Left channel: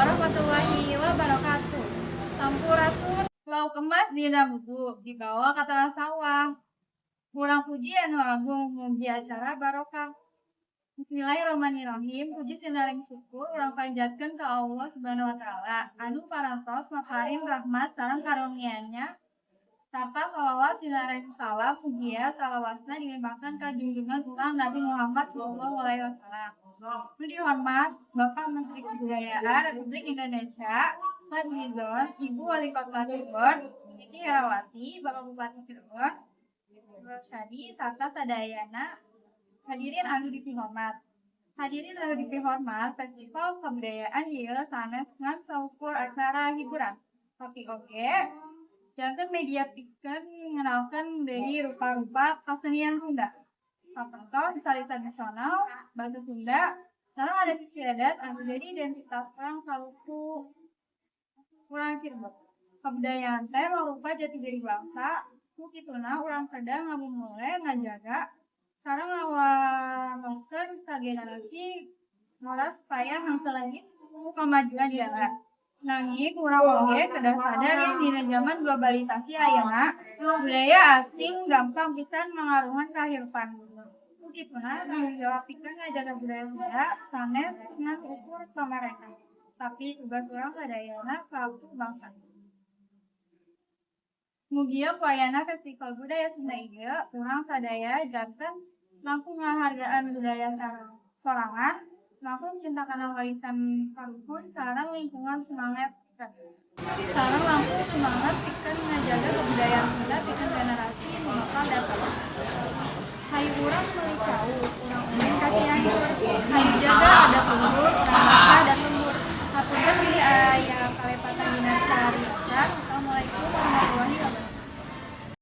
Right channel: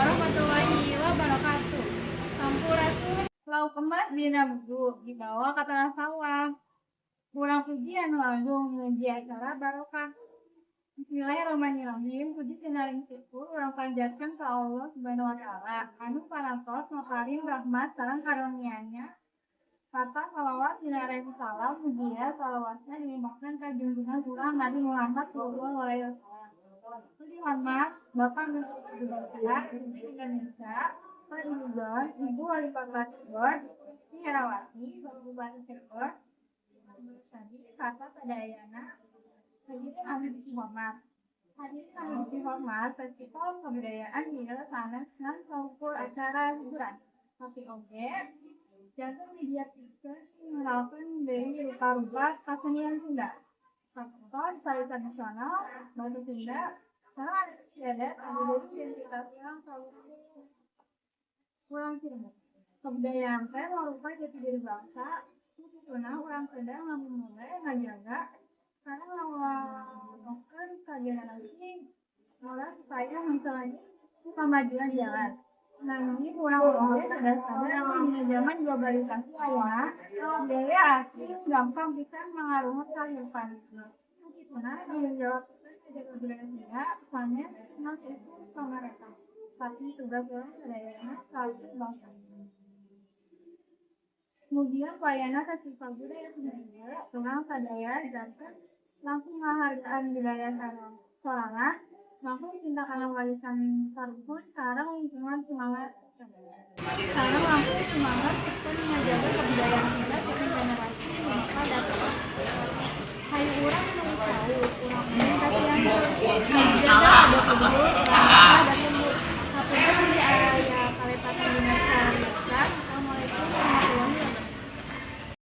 warahmatullahi wabarakatuh. Sampurasun lauk emas dina buku dibawa ka tengah sawah. Kurang puji anu agung mugi acara barokah. Bismillahirrahmanirrahim. Puji sinaring syukur urang panjatkeun ka Allah Subhanahu wa taala anu parantos maparing rahmat sareng karunia-Nya sarta shalawat sinaring salam mugia salawasna dilimpahkan ka junjungan urang Nabi Muhammad sallallahu alaihi wasallam. Dihormat Bapak Menteri Kebudayaan Republik Indonesia, Pak Fadlizon, Ibu Wali Kota Cirebon, Siti Herawati, Bapak Bupati Cirebon, Ibu Rosyadi, serta sadayana hadirin anu dipihormat. Hadirin anu dipihormat, Festival Kebudayaan ieu sanes ngan saukur acara hiburan. Tapi oge, janten media pikeun ngenalkeun deui rupa-rupa kasenian Sunda. Contoh tari tradisional, bahasa Sunda, sareng adat istiadat anu jadi identitas urang saluku urang Cirebon. Kebudayaan teh mangrupa jati diri bangsa, ku kituna urang kada ngamumule ngajaga sareng ngawanokeun ka generasi ngora supaya hangteu leungit ku kamajuan jalan. Nanging urang oge kedah sadar yen dina zaman globalisasi ayeuna budaya asing gampang pisan mangaruhan kahirupan. Ku kituna tanggung jawab pikeun ngajaga budaya Sunda sanes ngan ukur pamarentah. Tapi tugas urang sadayana selaku bangsa. Mugia payana Festival Budaya Sunda ieu urang sadaya janten langkung ngahargaan budaya sorangan, langkung cinta kana warisan karuhun sareng lingkungan semangat sareng langkung semangat pikeun ngajaga kebudayaan Sunda pikeun generasi nu bakal datang. Hayu urang meuli cau, urang ulin ka Cianjur. Hayu